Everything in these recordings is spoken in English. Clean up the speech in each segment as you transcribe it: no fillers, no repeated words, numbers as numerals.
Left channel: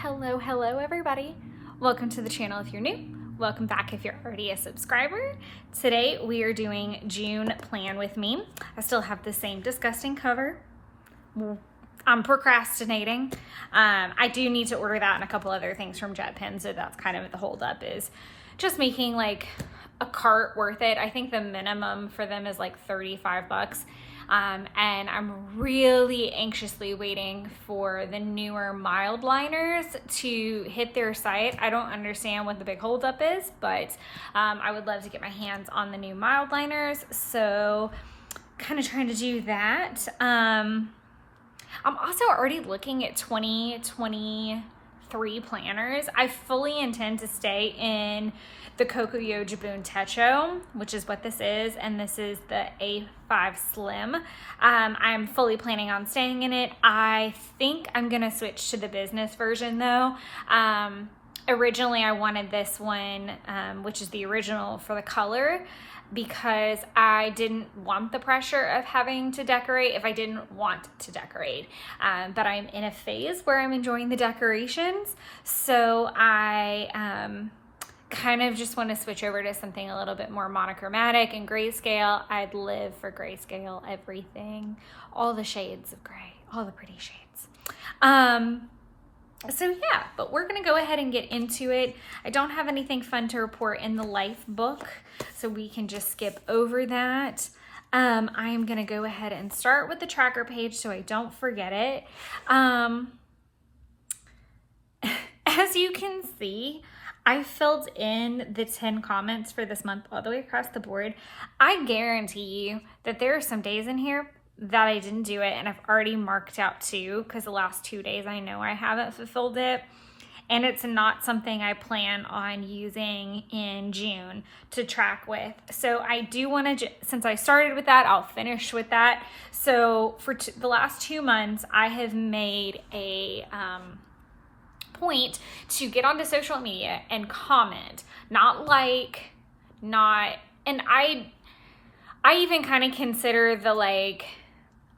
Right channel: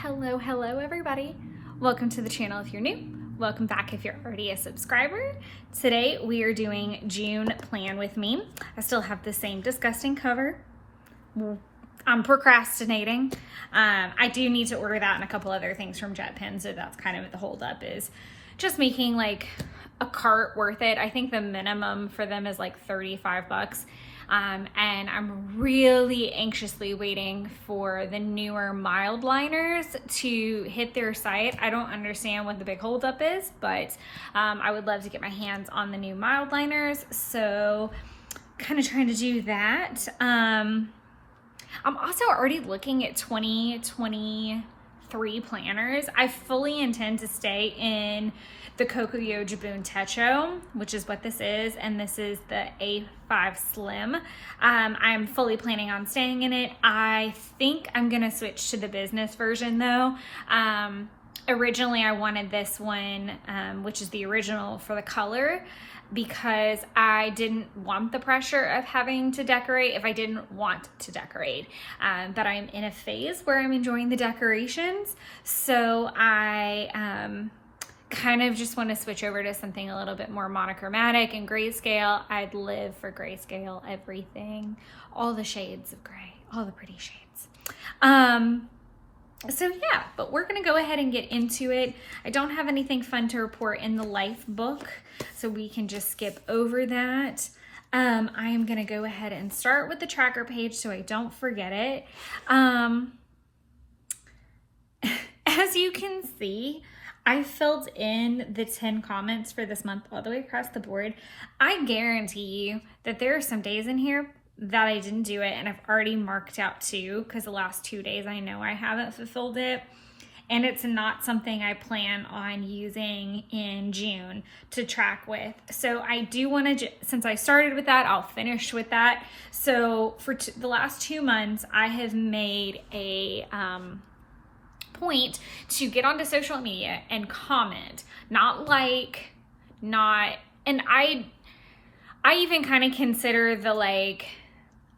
Hello everybody. Welcome to the channel if you're new. Welcome back if you're already a subscriber. Today we are doing June Plan With Me. I still have the same disgusting cover. I'm procrastinating. I do need to order that and a couple other things from JetPen, so that's kind of the holdup, is just making like a cart worth it. I think the minimum for them is like 35 bucks. And I'm really anxiously waiting for the newer mild liners to hit their site. I don't understand what the big holdup is, but I would love to get my hands on the new mild liners. So kind of trying to do that. I'm also already looking at 2023 planners. I fully intend to stay in the Kokuyo Jibun Techo, which is what this is, and this is the A5 Slim. I'm fully planning on staying in it. I think I'm gonna switch to the business version though. Originally I wanted this one, which is the original for the color, because I didn't want the pressure of having to decorate if I didn't want to decorate. But I'm in a phase where I'm enjoying the decorations, so I kind of just want to switch over to something a little bit more monochromatic and grayscale. I'd live for grayscale, everything, all the shades of gray, all the pretty shades. So yeah, but we're gonna go ahead and get into it. I don't have anything fun to report in the life book, so we can just skip over that. I am gonna go ahead and start with the tracker page so I don't forget it. As you can see, I filled in the 10 comments for this month all the way across the board. I guarantee you that there are some days in here that I didn't do it, and I've already marked out 2 because the last 2 days I know I haven't fulfilled it, and it's not something I plan on using in June to track with. So I do want to, since I started with that, I'll finish with that. So for the last 2 months, I have made a point to get onto social media and comment, not like, not, and I even kind of consider the like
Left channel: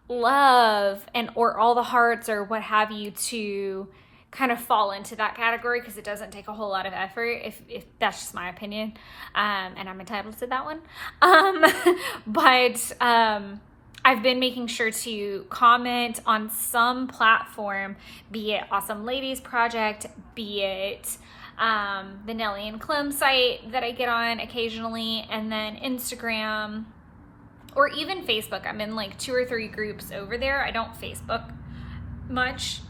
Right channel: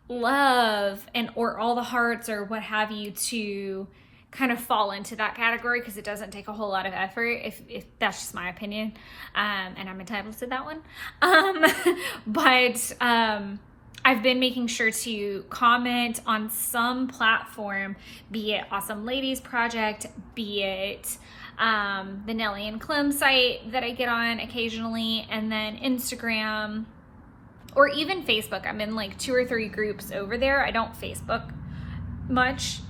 love and or all the hearts or what have you to kind of fall into that category, because it doesn't take a whole lot of effort, if that's just my opinion, and I'm entitled to that one. But I've been making sure to comment on some platform, be it Awesome Ladies Project, be it the Nellie and Clem site that I get on occasionally, and then Instagram, or even Facebook. I'm in like 2 or 3 groups over there. I don't Facebook much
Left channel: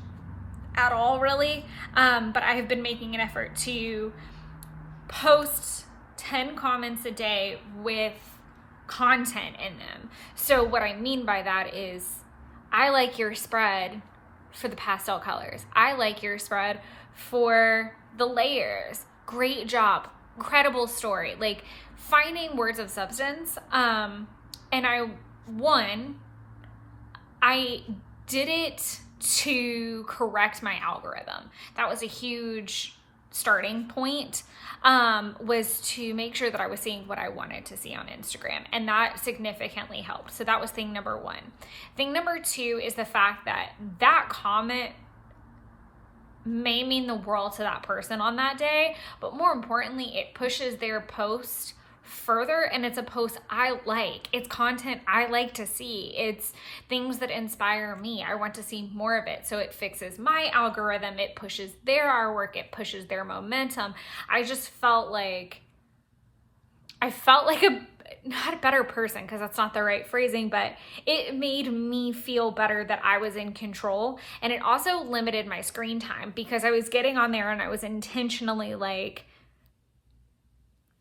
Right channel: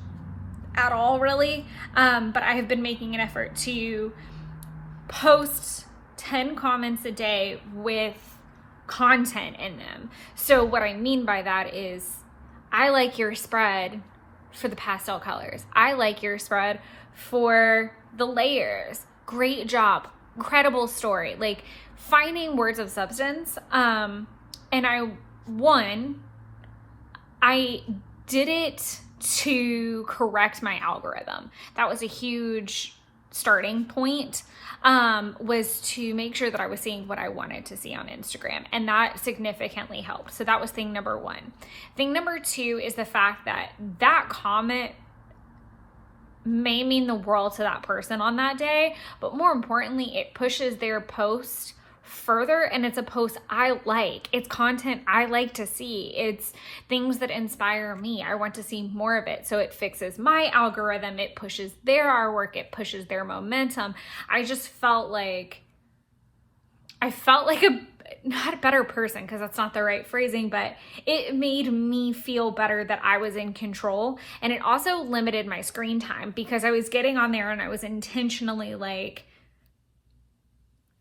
at all, really, but I have been making an effort to post 10 comments a day with content in them. So what I mean by that is, I like your spread for the pastel colors. I like your spread for the layers. Great job. Incredible story. Like finding words of substance. And I did it to correct my algorithm. That was a huge starting point, was to make sure that I was seeing what I wanted to see on Instagram, and that significantly helped. So that was thing number 1. Thing number 2 is the fact that that comment may mean the world to that person on that day, but more importantly, it pushes their post further, and it's a post I like. It's content I like to see. It's things that inspire me. I want to see more of it. So it fixes my algorithm. It pushes their artwork. It pushes their momentum. I just felt like not a better person, because that's not the right phrasing, but it made me feel better that I was in control. And it also limited my screen time, because I was getting on there and I was intentionally like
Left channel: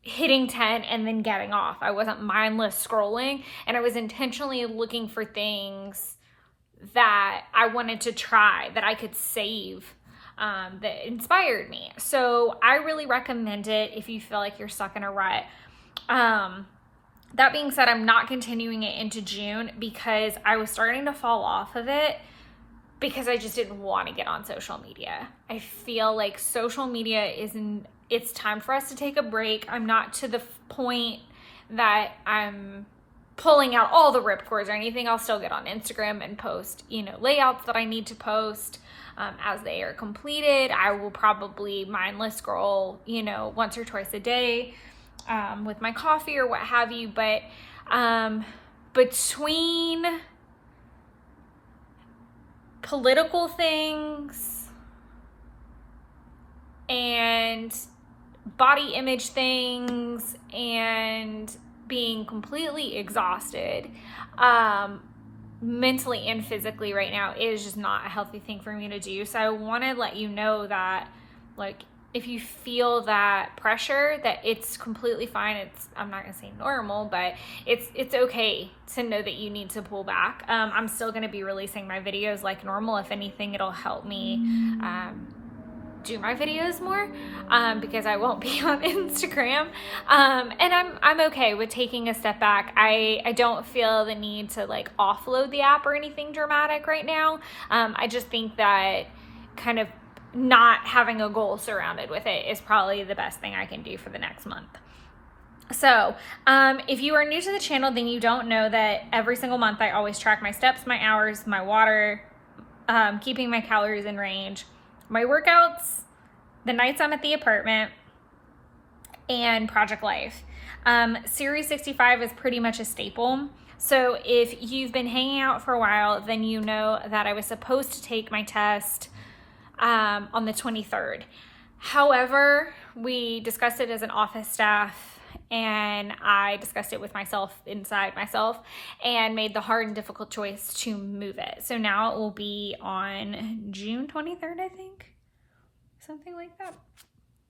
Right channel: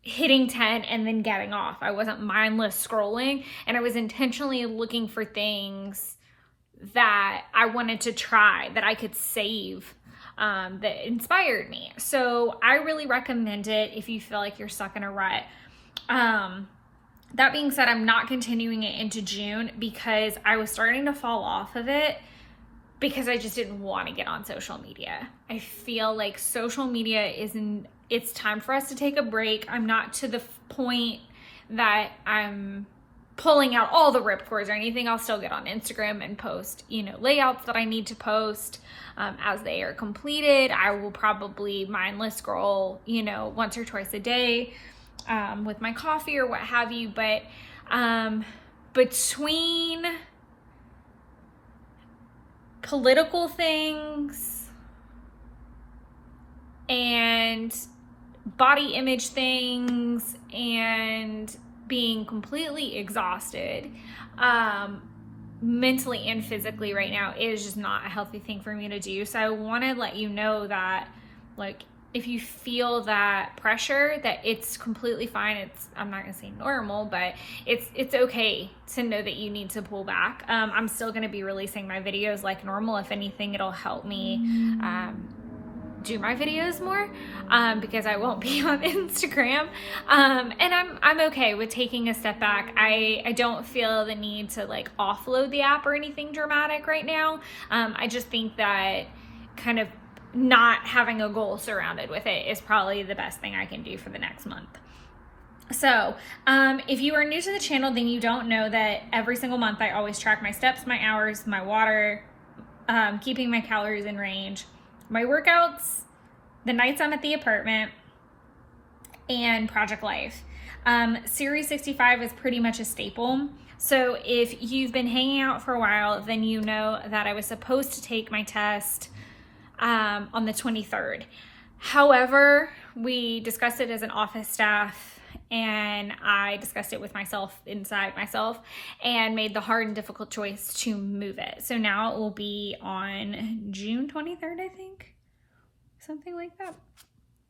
hitting 10 and then getting off. I wasn't mindless scrolling, and I was intentionally looking for things that I wanted to try, that I could save, that inspired me. So I really recommend it if you feel like you're stuck in a rut. That being said, I'm not continuing it into June because I was starting to fall off of it, because I just didn't want to get on social media. I feel like social media it's time for us to take a break. I'm not to the point that I'm pulling out all the ripcords or anything. I'll still get on Instagram and post, you know, layouts that I need to post as they are completed. I will probably mindless scroll, you know, once or twice a day with my coffee or what have you. But between political things and body image things and being completely exhausted mentally and physically right now is just not a healthy thing for me to do. So I want to let you know that, like, if you feel that pressure, that it's completely fine. It's, I'm not gonna say normal, but it's okay to know that you need to pull back. I'm still gonna be releasing my videos like normal. If anything, it'll help me do my videos more because I won't be on Instagram. And I'm okay with taking a step back. I don't feel the need to like offload the app or anything dramatic right now. I just think that kind of not having a goal surrounded with it is probably the best thing I can do for the next month. So if you are new to the channel, then you don't know that every single month I always track my steps, my hours, my water, keeping my calories in range, my workouts, the nights I'm at the apartment, and Project Life. Series 65 is pretty much a staple. So if you've been hanging out for a while, then you know that I was supposed to take my test on the 23rd. However, we discussed it as an office staff, and I discussed it with myself inside myself and made the hard and difficult choice to move it. So now it will be on June 23rd, I think. Something like that.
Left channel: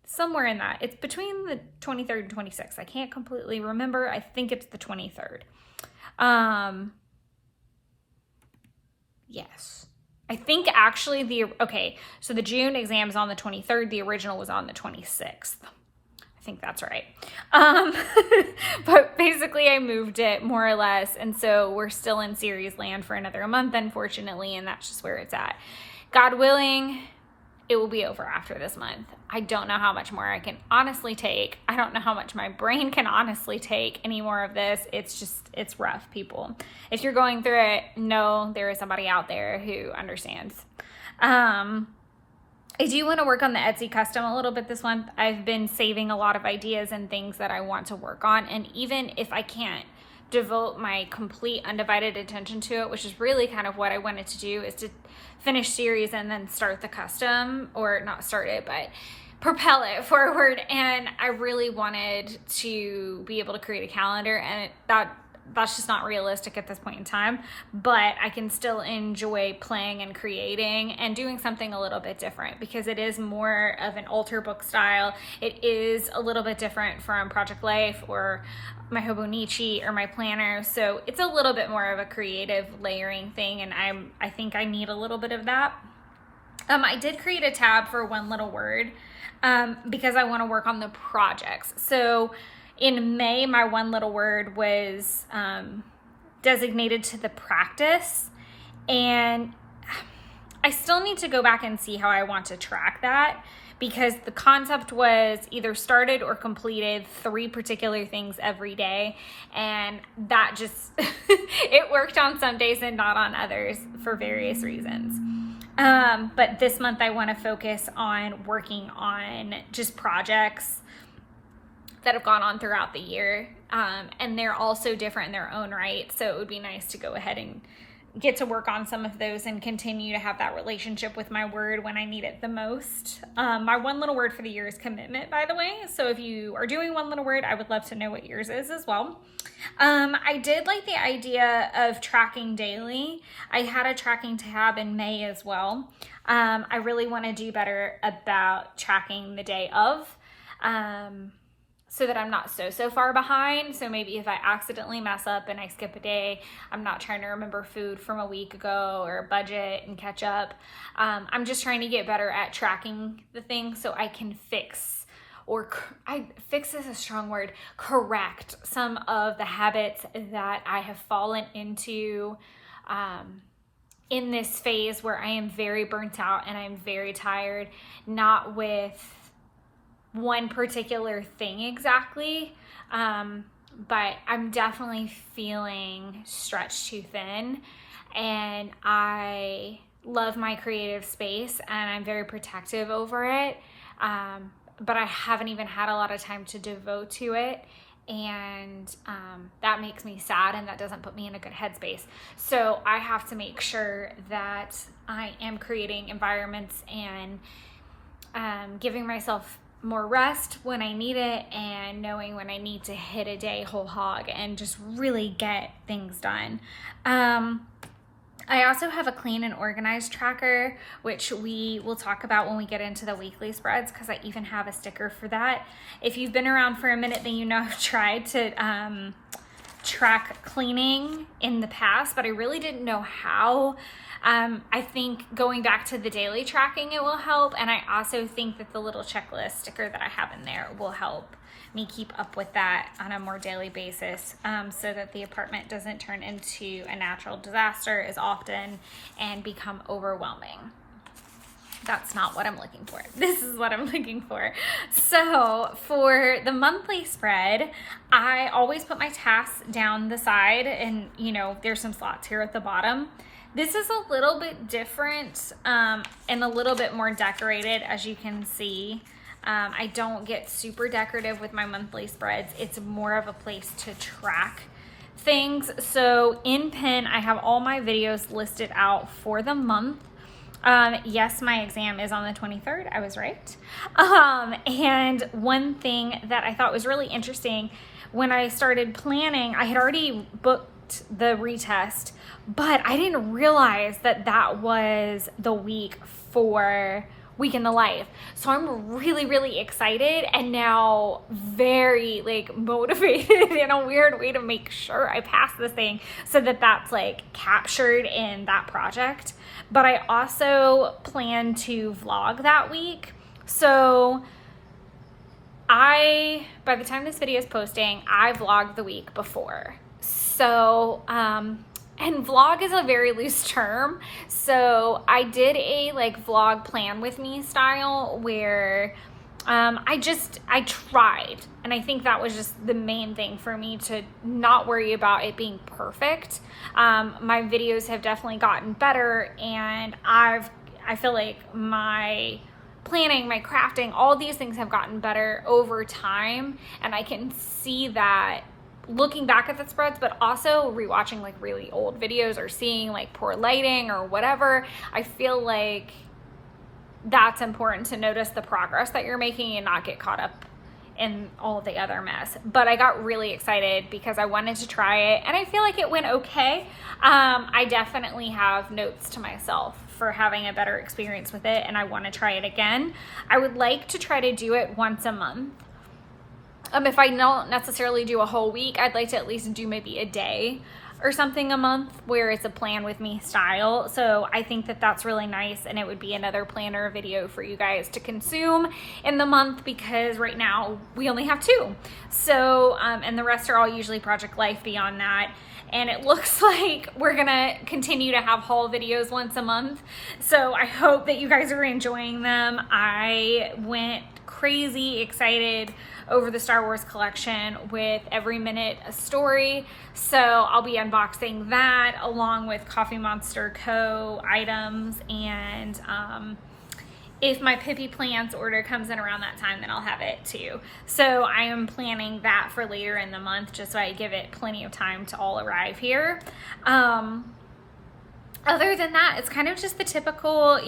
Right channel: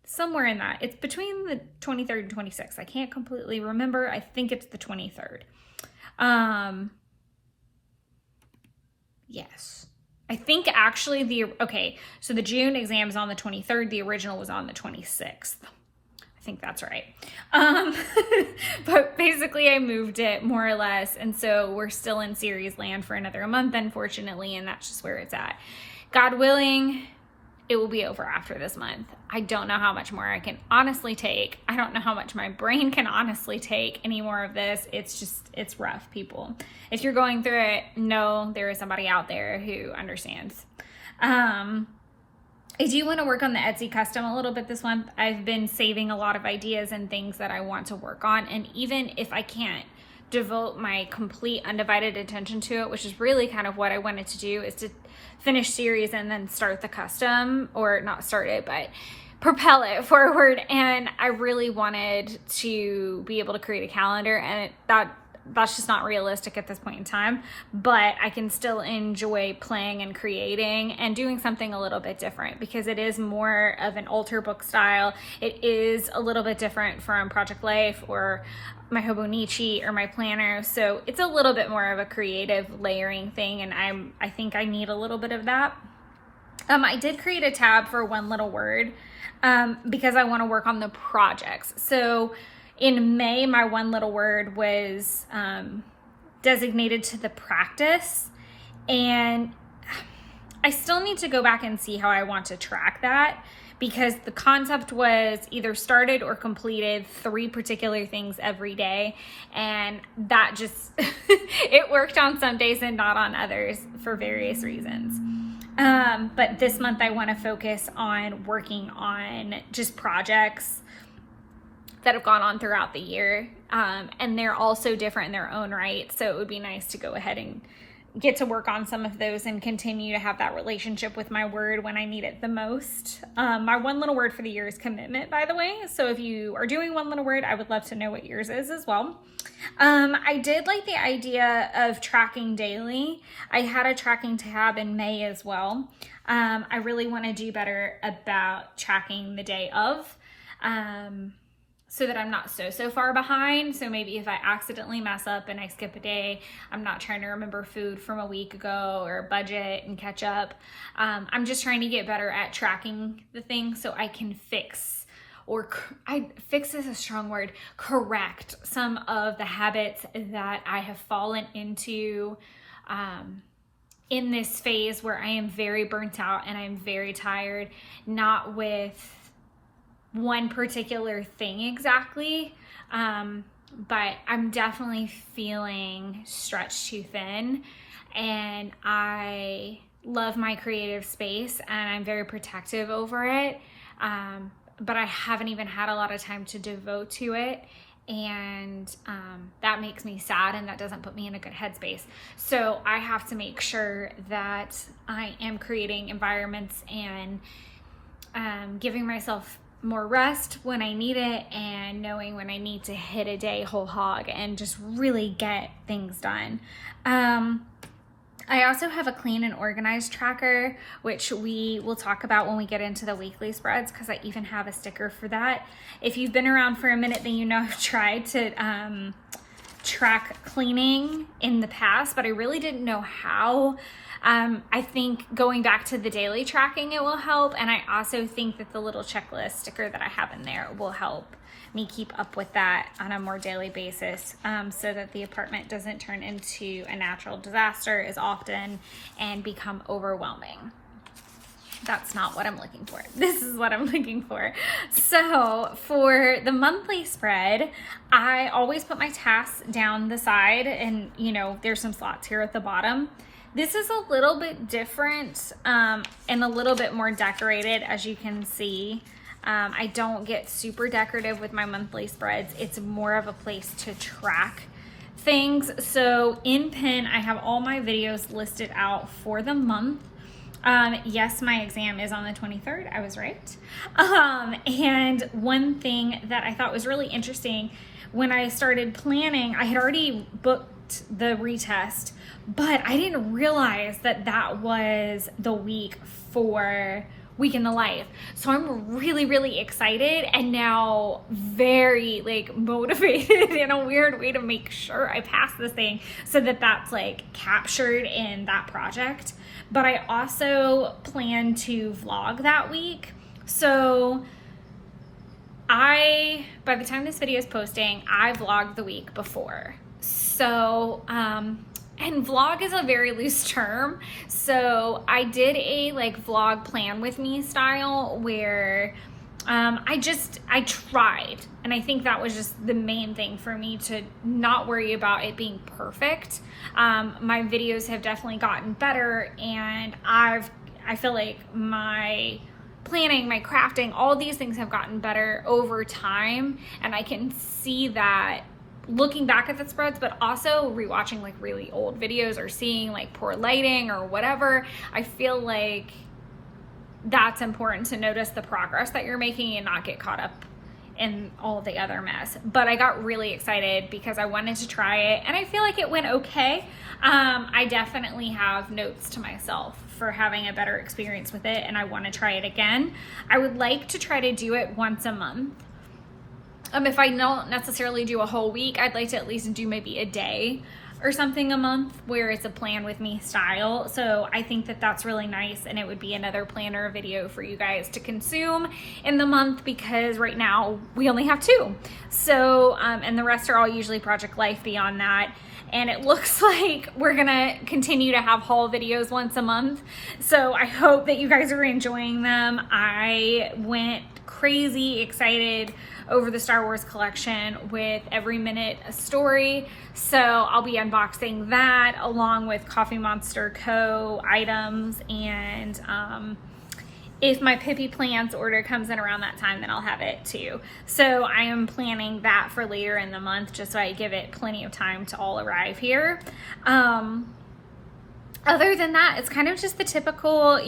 Somewhere in that. It's between the 23rd and 26th. I can't completely remember. I think it's the 23rd. Yes. I think actually okay, so the June exam is on the 23rd. The original was on the 26th. I think that's right. But basically I moved it more or less. And so we're still in series land for another month, unfortunately. And that's just where it's at. God willing, it will be over after this month. I don't know how much more I can honestly take. I don't know how much my brain can honestly take any more of this. It's rough, people. If you're going through it, know there is somebody out there who understands. I do want to work on the Etsy custom a little bit this month. I've been saving a lot of ideas and things that I want to work on. And even if I can't devote my complete undivided attention to it, which is really kind of what I wanted to do, is to finish series and then start the custom, or not start it, but propel it forward. And I really wanted to be able to create a calendar, and that's just not realistic at this point in time, but I can still enjoy playing and creating and doing something a little bit different, because it is more of an altar book style. It is a little bit different from Project Life or my Hobonichi or my planner. So it's a little bit more of a creative layering thing, and I think I need a little bit of that. I did create a tab for One Little Word because I want to work on the projects. So in May, my One Little Word was designated to the practice, and I still need to go back and see how I want to track that, because the concept was either started or completed 3 particular things every day, and that just, it worked on some days and not on others for various reasons. But this month I want to focus on working on just projects that have gone on throughout the year, and they're all so different in their own right. So it would be nice to go ahead and get to work on some of those and continue to have that relationship with my word when I need it the most. My One Little Word for the year is commitment, by the way. So if you are doing One Little Word, I would love to know what yours is as well. I did like the idea of tracking daily. I had a tracking tab in May as well. I really want to do better about tracking the day of, so that I'm not so far behind. So maybe if I accidentally mess up and I skip a day, I'm not trying to remember food from a week ago or budget and catch up. I'm just trying to get better at tracking the things so I can fix, or fix is a strong word, correct some of the habits that I have fallen into in this phase where I am very burnt out and I'm very tired, not with one particular thing exactly, but I'm definitely feeling stretched too thin, and I love my creative space and I'm very protective over it. But I haven't even had a lot of time to devote to it. And that makes me sad, and that doesn't put me in a good headspace. So I have to make sure that I am creating environments and giving myself more rest when I need it, and knowing when I need to hit a day whole hog and just really get things done. I also have a clean and organized tracker, which we will talk about when we get into the weekly spreads, because I even have a sticker for that. If you've been around for a minute, then you know I've tried to track cleaning in the past, but I really didn't know how. I think going back to the daily tracking, it will help. And I also think that the little checklist sticker that I have in there will help me keep up with that on a more daily basis, so that the apartment doesn't turn into a natural disaster as often and become overwhelming. That's not what I'm looking for. This is what I'm looking for. So for the monthly spread, I always put my tasks down the side, and there's some slots here at the bottom. This is a little bit different and a little bit more decorated, as you can see. I don't get super decorative with my monthly spreads. It's more of a place to track things. So in Pen, I have all my videos listed out for the month. Yes, my exam is on the 23rd. I was right. And one thing that I thought was really interesting, when I started planning, I had already booked the retest, but I didn't realize that that was the week for Week in the Life. So I'm really, really excited, and now very motivated in a weird way to make sure I pass this thing, so that that's captured in that project. But I also plan to vlog that week. So by the time this video is posting, I vlogged the week before. So, and vlog is a very loose term. So I did a vlog plan with me style where I tried. And I think that was just the main thing for me, to not worry about it being perfect. My videos have definitely gotten better, and I feel like my planning, my crafting, all these things have gotten better over time. And I can see that looking back at the spreads, but also rewatching really old videos, or seeing poor lighting or whatever. I feel like that's important, to notice the progress that you're making and not get caught up in all the other mess. But I got really excited because I wanted to try it, and I feel like it went okay. I definitely have notes to myself for having a better experience with it, and I want to try it again. I would like to try to do it once a month. If I don't necessarily do a whole week, I'd like to at least do maybe a day or something a month, where it's a plan with me style. So I think that that's really nice, and it would be another planner video for you guys to consume in the month, because right now we only have 2. So, and the rest are all usually Project Life beyond that. And it looks like we're gonna continue to have haul videos once a month. So I hope that you guys are enjoying them. I went crazy excited over the Star Wars collection with Every Minute a Story. So I'll be unboxing that along with Coffee Monster Co. items. And if my Pippi Plants order comes in around that time, then I'll have it too. So I am planning that for later in the month, just so I give it plenty of time to all arrive here. Other than that, it's kind of just the typical,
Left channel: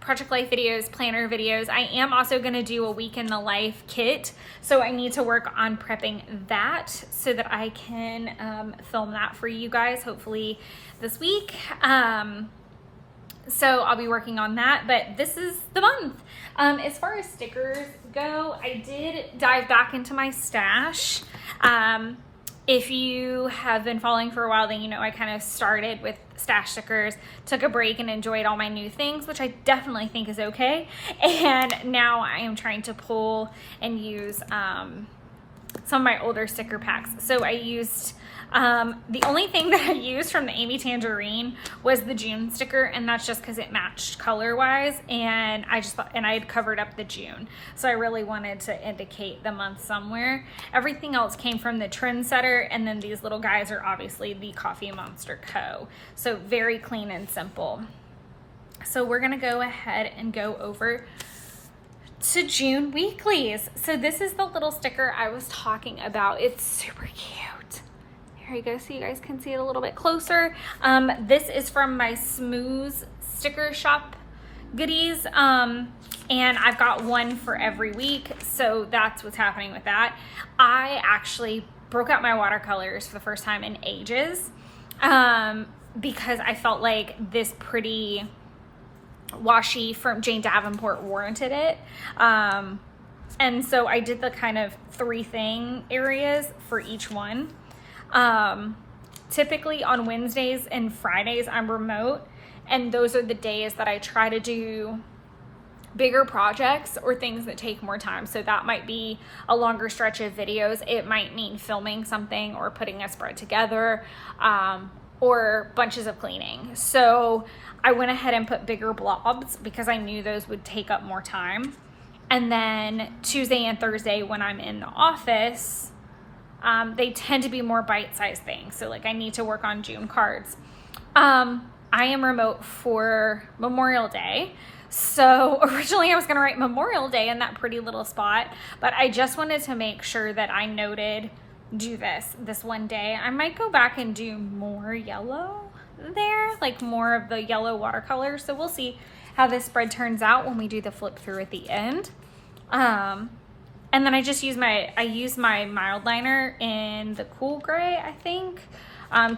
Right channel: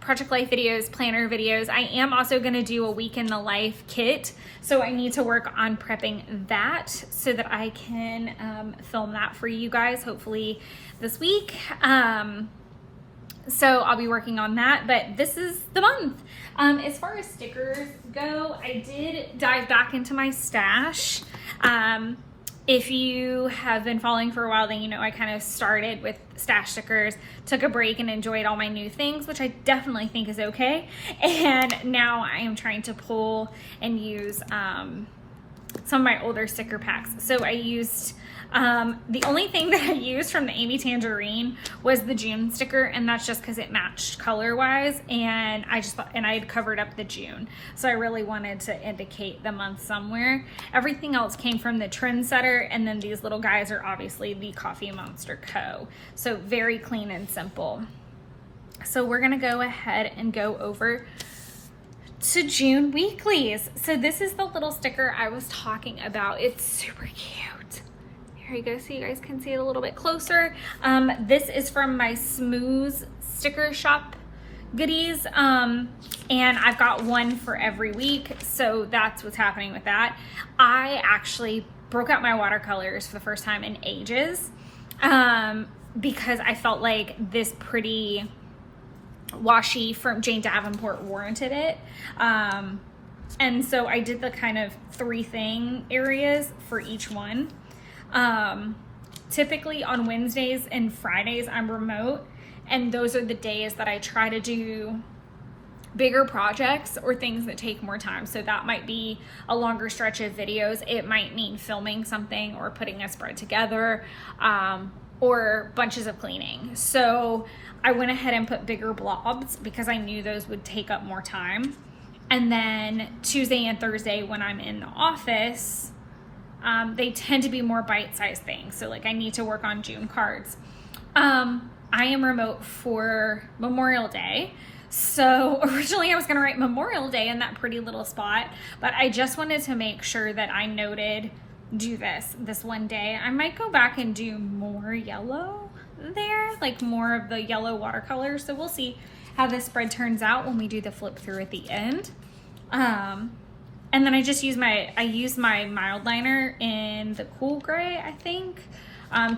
Project Life videos, planner videos. I am also going to do a Week in the Life kit. So I need to work on prepping that so that I can film that for you guys, hopefully this week. So I'll be working on that, but this is the month. As far as stickers go, I did dive back into my stash. If you have been following for a while, then you know I kind of started with stash stickers, took a break, and enjoyed all my new things, which I definitely think is okay. And now I am trying to pull and use some of my older sticker packs. So I used The only thing that I used from the Amy Tangerine was the June sticker, and that's just because it matched color wise, and I had covered up the June, so I really wanted to indicate the month somewhere. Everything else came from the Trendsetter, and then these little guys are obviously the Coffee Monster Co. So very clean and simple. So we're gonna go ahead and go over to June weeklies. So this is the little sticker I was talking about. It's super cute. Here you go, so you guys can see it a little bit closer. This is from my Smooth sticker shop goodies, and I've got one for every week, so that's what's happening with that. I actually broke out my watercolors for the first time in ages, because I felt like this pretty washi from Jane Davenport warranted it. And so I did the kind of 3 thing areas for each one. Typically on Wednesdays and Fridays I'm remote, and those are the days that I try to do bigger projects or things that take more time. So that might be a longer stretch of videos. It might mean filming something or putting a spread together, or bunches of cleaning. So I went ahead and put bigger blobs because I knew those would take up more time. And then Tuesday and Thursday when I'm in the office, they tend to be more bite-sized things. So like I need to work on June cards. I am remote for Memorial Day. So originally I was gonna write Memorial Day in that pretty little spot, but I just wanted to make sure that I noted, do this one day. I might go back and do more yellow there, like more of the yellow watercolors. So we'll see how this spread turns out when we do the flip through at the end. And then I just use my mild liner in the cool gray, I think,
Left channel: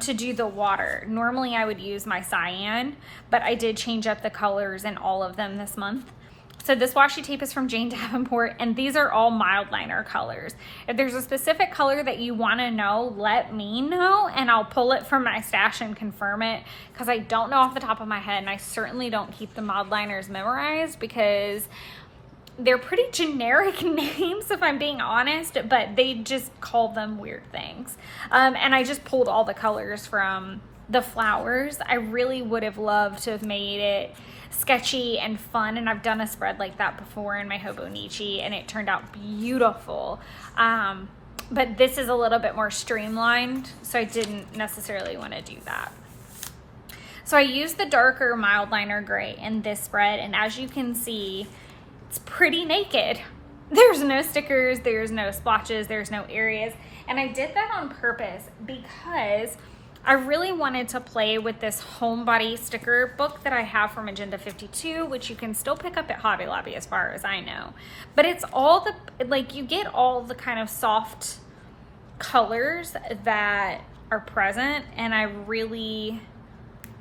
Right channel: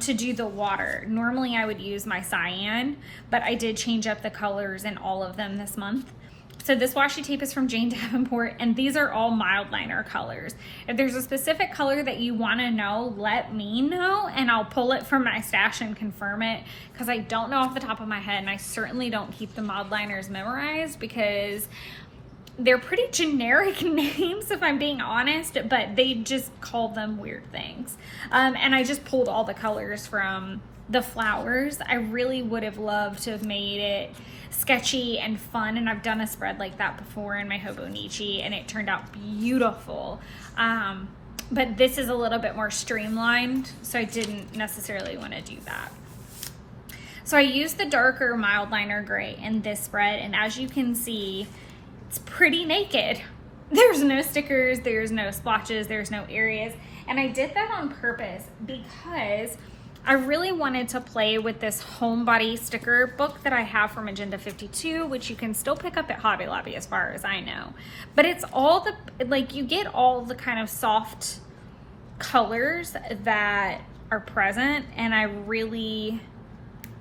to do the water. Normally I would use my cyan, but I did change up the colors in all of them this month. So this washi tape is from Jane Davenport, and these are all mild liner colors. If there's a specific color that you want to know, let me know, and I'll pull it from my stash and confirm it, because I don't know off the top of my head, and I certainly don't keep the mild liners memorized because they're pretty generic names, if I'm being honest, but they just call them weird things. And I just pulled all the colors from the flowers. I really would have loved to have made it sketchy and fun, and I've done a spread like that before in my Hobonichi, and it turned out beautiful. But this is a little bit more streamlined, so I didn't necessarily want to do that. So I used the darker mild liner gray in this spread, and as you can see, it's pretty naked. There's no stickers, there's no splotches, there's no areas. And I did that on purpose because I really wanted to play with this homebody sticker book that I have from Agenda 52, which you can still pick up at Hobby Lobby as far as I know. But it's all the, like, you get all the kind of soft colors that are present, and I really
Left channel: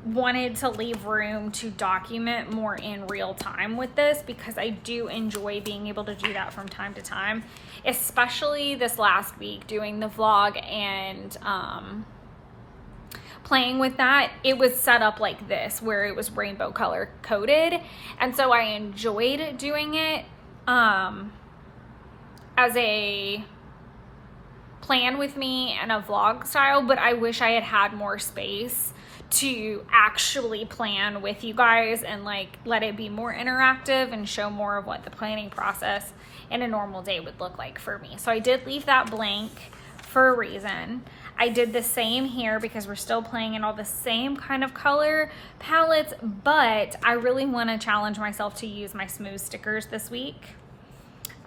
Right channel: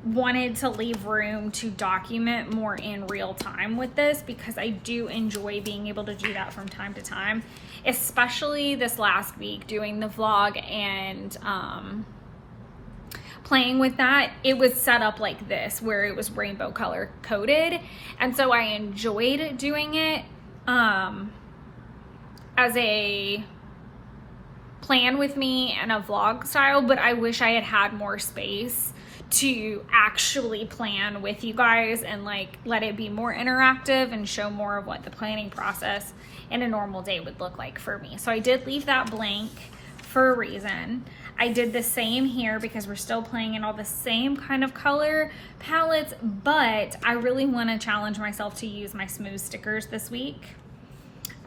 wanted to leave room to document more in real time with this because I do enjoy being able to do that from time to time, especially this last week doing the vlog and playing with that. It was set up like this where it was rainbow color coded, and so I enjoyed doing it as a plan with me and a vlog style, but I wish I had had more space to actually plan with you guys and like let it be more interactive and show more of what the planning process in a normal day would look like for me. So I did leave that blank for a reason. I did the same here because we're still playing in all the same kind of color palettes, but I really want to challenge myself to use my smooth stickers this week.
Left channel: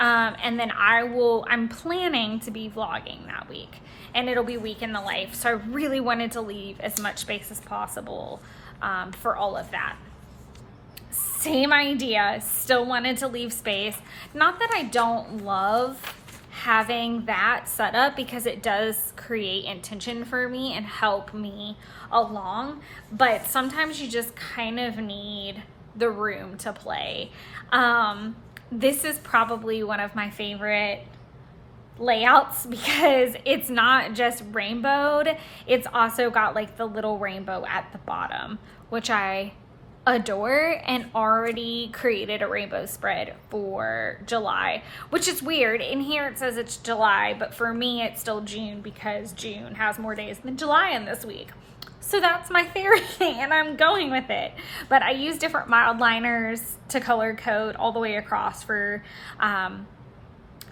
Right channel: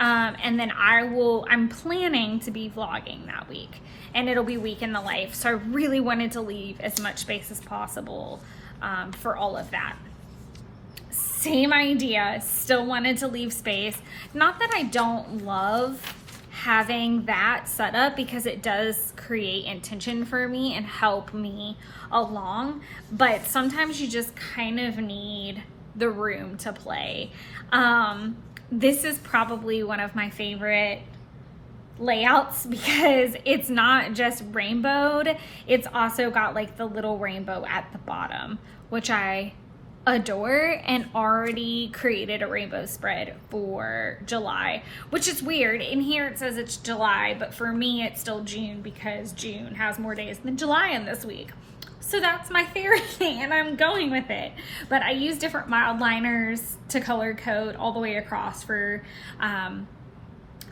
And then I'm planning to be vlogging that week, and it'll be week in the life. So I really wanted to leave as much space as possible for all of that. Same idea, still wanted to leave space. Not that I don't love having that set up because it does create intention for me and help me along, but sometimes you just kind of need the room to play. This is probably one of my favorite layouts because it's not just rainbowed, it's also got like the little rainbow at the bottom, which I adore and already created a rainbow spread for July, which is weird. In here it says it's July, but for me it's still June because June has more days than July in this week. So that's my theory and I'm going with it. But I use different mild liners to color code all the way across for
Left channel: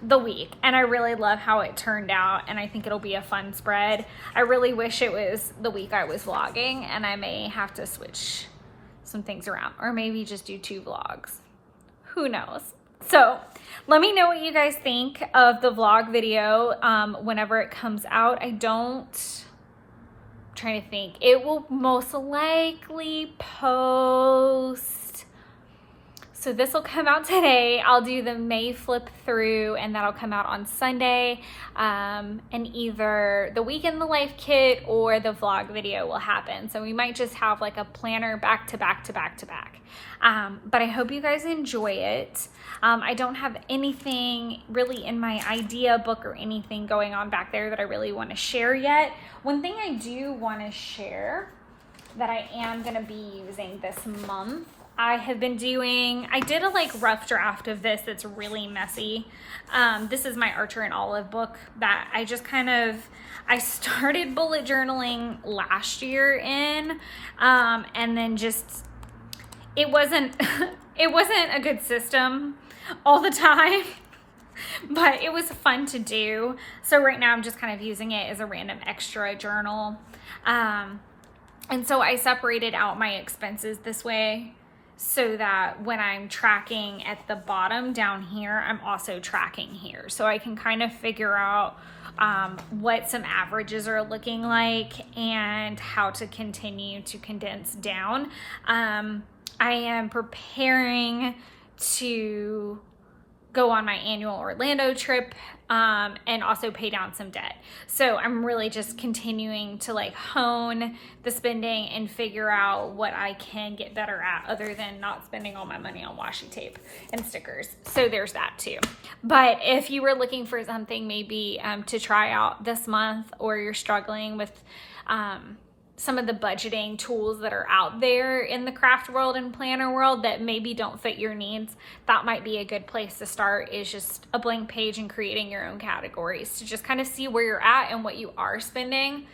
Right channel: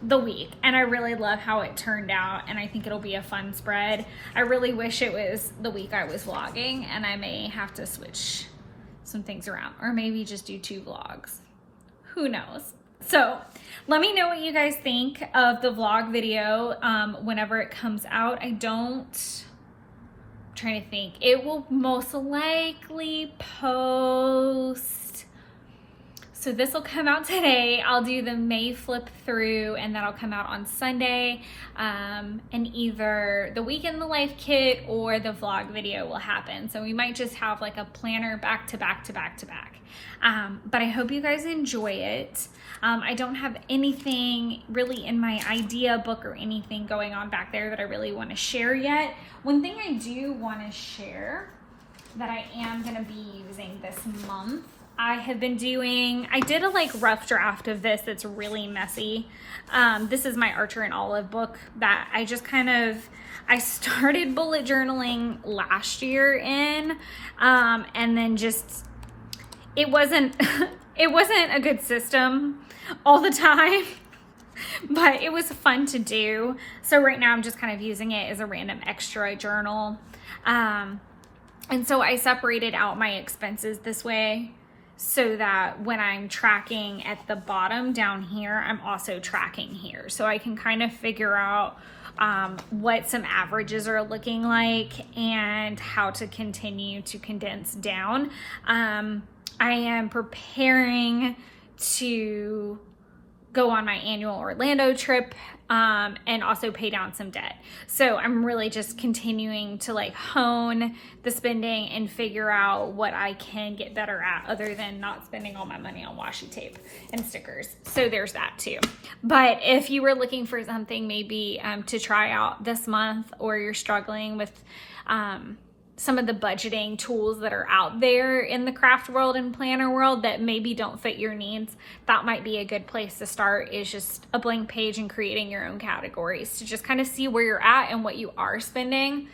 the week, and I really love how it turned out, and I think it'll be a fun spread. I really wish it was the week I was vlogging, and I may have to switch some things around, or maybe just do 2 vlogs. Who knows? So let me know what you guys think of the vlog video whenever it comes out. I'm trying to think. It will most likely post. So this will come out today. I'll do the May flip through, and that'll come out on Sunday. And either the week in the life kit or the vlog video will happen. So we might just have like a planner back to back to back to back. But I hope you guys enjoy it. I don't have anything really in my idea book or anything going on back there that I really want to share yet. One thing I do want to share that I am going to be using this month, I did a like rough draft of this that's really messy. This is my Archer and Olive book that I just I started bullet journaling last year in, and then it wasn't a good system all the time, but it was fun to do. So right now I'm just kind of using it as a random extra journal. And so I separated out my expenses this way, so that when I'm tracking at the bottom down here, I'm also tracking here. So I can kind of figure out what some averages are looking like and how to continue to condense down. I am preparing to go on my annual Orlando trip and also pay down some debt. So I'm really just continuing to like hone the spending and figure out what I can get better at other than not spending all my money on washi tape and stickers. So there's that too. But if you were looking for something maybe to try out this month, or you're struggling with some of the budgeting tools that are out there in the craft world and planner world that maybe don't fit your needs, that might be a good place to start, is just a blank page and creating your own categories to just kind of see where you're at and what you are spending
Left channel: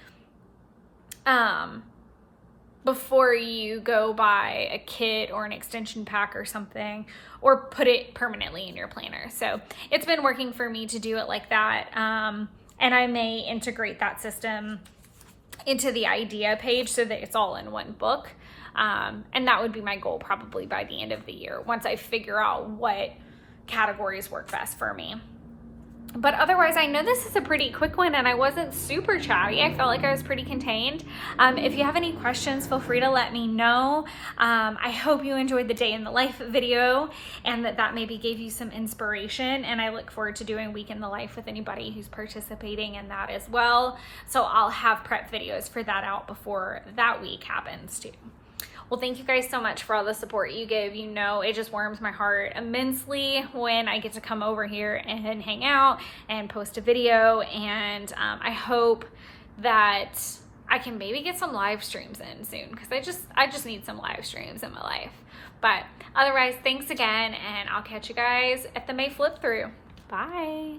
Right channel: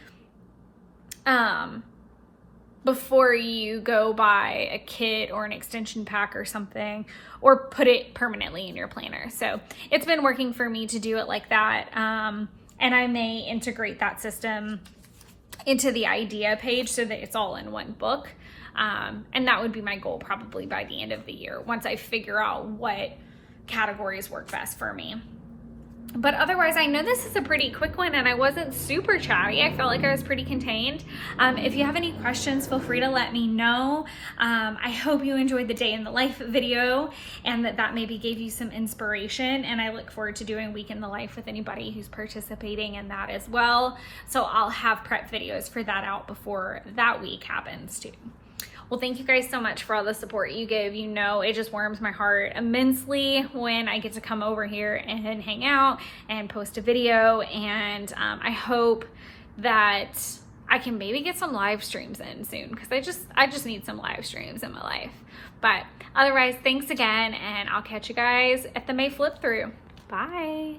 before you go buy a kit or an extension pack or something, or put it permanently in your planner. So it's been working for me to do it like that, and I may integrate that system into the idea page so that it's all in one book. And that would be my goal probably by the end of the year, once I figure out what categories work best for me. But otherwise, I know this is a pretty quick one and I wasn't super chatty. I felt like I was pretty contained. If you have any questions, feel free to let me know. I hope you enjoyed the day in the life video and that maybe gave you some inspiration. And I look forward to doing week in the life with anybody who's participating in that as well. So I'll have prep videos for that out before that week happens too. Well, thank you guys so much for all the support you give. You know, it just warms my heart immensely when I get to come over here and hang out and post a video. And I hope that I can maybe get some live streams in soon, because I just need some live streams in my life. But otherwise, thanks again, and I'll catch you guys at the May flip through. Bye.